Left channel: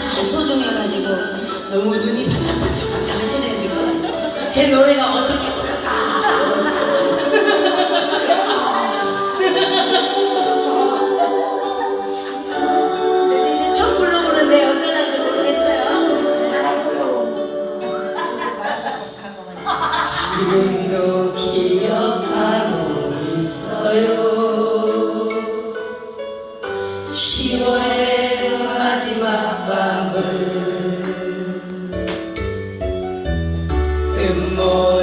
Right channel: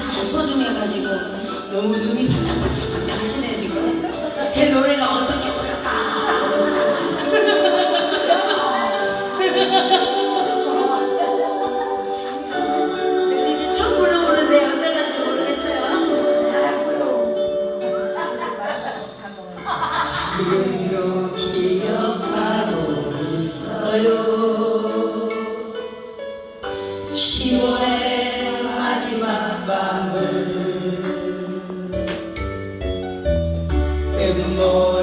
다 소중해가지고 너무 눈이 반짝반짝 반짝 하시네요 지금 제 노래가 어떻게 부를까? 이제 처음 불러보는데 어떠는지 모르겠어요. 지금도 기억하고 있어요. 10월 Lord.